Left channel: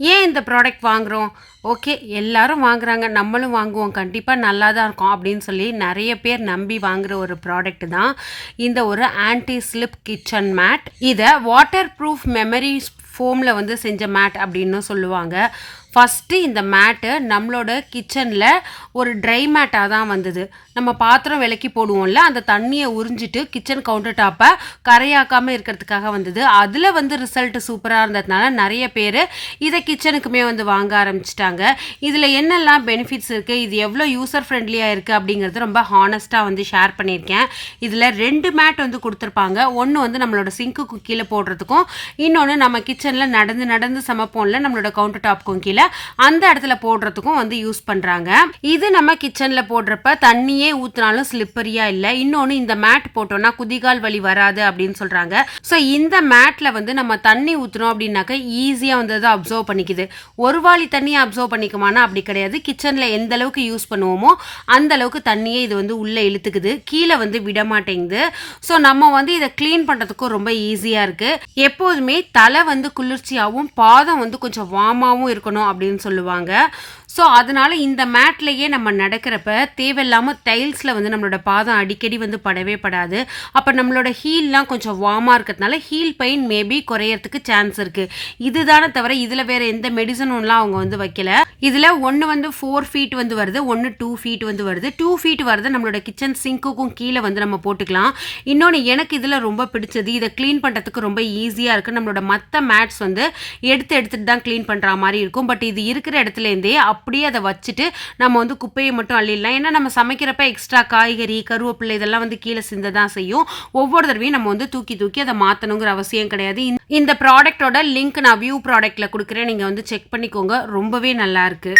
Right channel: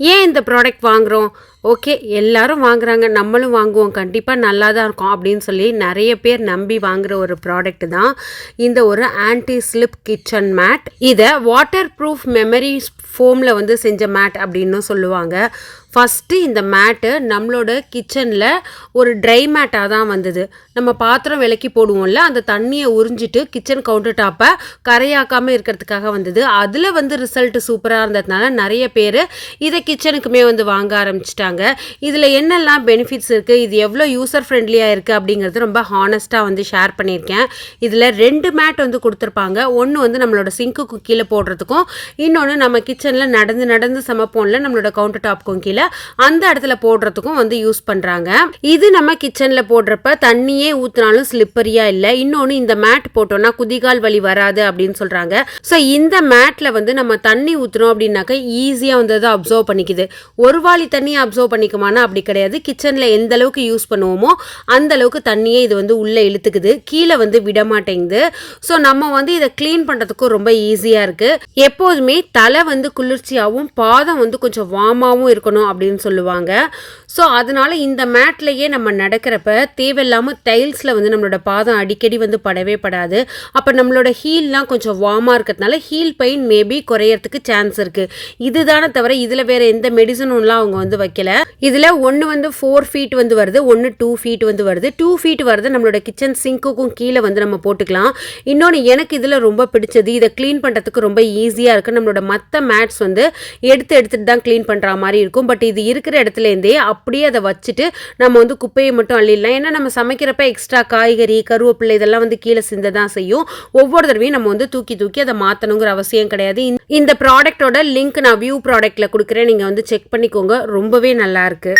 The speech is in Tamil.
ஏன் இந்த ப்ராடக்ட் வாங்குகிறோம் ஓகே எல்லாரும் வாங்குறாங்க நம்மளும் வாங்குவோம் கண்டிப்பாக நல்லா தான் இருக்கும் அப்படின்னு சொல்லி நிறைய பேர் நம்பி வாங்குகிற ஒரு ப்ராடக்ட் தான் இந்த ஒரு ஆன்டி ஸ்லிப் கிச்சன் மேட் இதை வாட்டர் ப்ரூஃப் மெமரி ஃபோமில் வந்து செஞ்ச மேட் அப்படின்னும் சொல்லுவாங்க. ஃபஸ்ட்டு இந்த மேட்டு நம்மளோட கிச்சனில் ஒரு ட்ரை மேட்டாக தான் வந்தது. நம்ம பாத்திரம் விலக்கி போடுவோம்ல அந்த தண்ணியை உறிஞ்சிட்டு கிச்சன் கவுண்டர் டாப்பை கரையாக்காமல் இருக்கிறதுக்காக வந்தது. அதில் வந்து ரிசல்ட் சூப்பராக இருந்ததுனால நிறைய பேர் இதை கிச்சனுக்குமே வந்து வாங்க ஆரம்பிச்சிட்டாங்க. இதில் என்னெல்லாம் பெனிஃபிட்ஸ் இருக்குது இது எவ்வளோ யூசர் ஃப்ரெண்ட்லியாக இருக்குது அப்படிங்கிறது ரொம்ப ஹானஸ்ட்டாக வந்து ஷேர் பண்ணியிருக்கேன். இதில் ரெண்டு மேட் வந்து கொடுத்துருப்பாங்க. ஒன்று வந்து நம்மளோட சிங்க்குக்கு கீழே போடுறதுக்கும் இன்னொன்று நம்ம கிச்சனில் நடந்து நடந்து சமைப்போம்ல நம்மளோட கவுண்டர் டாப்க்கும் கீழே அந்த இடத்துல போடுறதுக்கும் வந்து யூஸ் பண்ணுறாங்க இது நம்ம கிச்சனில் போடுறப்ப தண்ணியே ஊற்றினாலும் ஸ்லிப்பரியாக இல்லை. இன்னொன்று இந்த மேட் போட்டோம்னா குதிகால் வலி வராது அப்படின்னு சொல்கிறாங்க ஸோ இந்த மேட்டில் வந்து நம்ம தண்ணி ஊற்றுறோம் அப்படின்னாக்க ஈஸியாக வந்து அதை அப்சர்வ் பண்ணிக்குது. ஒரு வாளி தண்ணியை அப்சர்வ் பண்ணிக்குமானா அப்படி கிடையாது. கிச்சனில் எந்த அளவுக்கு யூஸ் பண்ணுவோமோ அந்த அளவுக்கு தண்ணியே இது வந்து உள்ளே இழுத்துக்குது. கீழே வந்து விட மாட்டேங்குது. ஸோ நம்ம வந்து இதை க்ளீன் பண்ணுறதுக்கும் ரொம்ப ஈஸியாக இருக்குது எப்போதுமே தலை வந்து குளிர்ச்சியாகவும் பாதம் வந்து கொஞ்சம் வார்மாகவும் இருக்கணும் அப்படின்னு சொல்லுவாங்க. ஸோ அதனால் இந்த மேட்லேயே நம்ம நடக்கிறப்ப தேவையில்லாமல் டைல்ஸில் வந்து நம்மளோட பாதம் அடிக்கடி வந்து படவே படாது. அப்போ நம்மளோட ஹீல்லாம் கொஞ்சம் வார்மாக இருக்கிறதுனால ஹீல் பெயின் மேபி குறையறதுக்கு சான்ஸ் இருக்குது இதுதானே தவிர இதில் வேறு எந்த மெடிசனும்லாம் அவங்க வந்து வைக்கல. இதில் ஒன்று வந்து ஃபோர் ஃபீட் வந்து வருது ஒன்று டூ ஃபீட் வந்து வருது. டூ ஃபீட் வருது நம்மளோட கிச்சன் சிங்க்குக்கும் கீழே வந்து நம்ம போட்டுக்கலாம். இன்னொன்று எனக்கு இதில் ரொம்ப பிடிச்சது இதை க்ளீன் பண்ணுறதுக்கு ரொம்ப ஈஸியாக இருக்குது நம்மளோட மற்ற மேட்ஸ் வந்து எடுத்து எடுத்துகிட்டு தான் க்ளீன் பண்ணுற மாதிரி இருக்கும். பட் இது இருக்கிற இடத்துலேருந்தே அப்படியே அதை வச்சுட்டு நம்ம வந்து குப்பையை மட்டும் அள்ளிடலாம். ஏன்னா நம்ம சமைக்கிறப்ப எக்ஸ்ட்ரா காய்கறி கருவேப்பிலை இதெல்லாம் வந்து கீழே சிந்த தான் செய்யும். ஒவ்வொரு தடவையும் நம்ம வந்து தூக்கி தூக்கி அதை மாற்றணுங்கிற அவசியம் கிடையாது. இந்த ப்ராடக்டோட லிங்க் நான் வியூ ப்ராடக்ட்டில் கொடுக்குறேன். நீங்கள் வந்து செக் பண்ணிக்கோங்க. ரொம்பவே நல்லாயிருக்கு.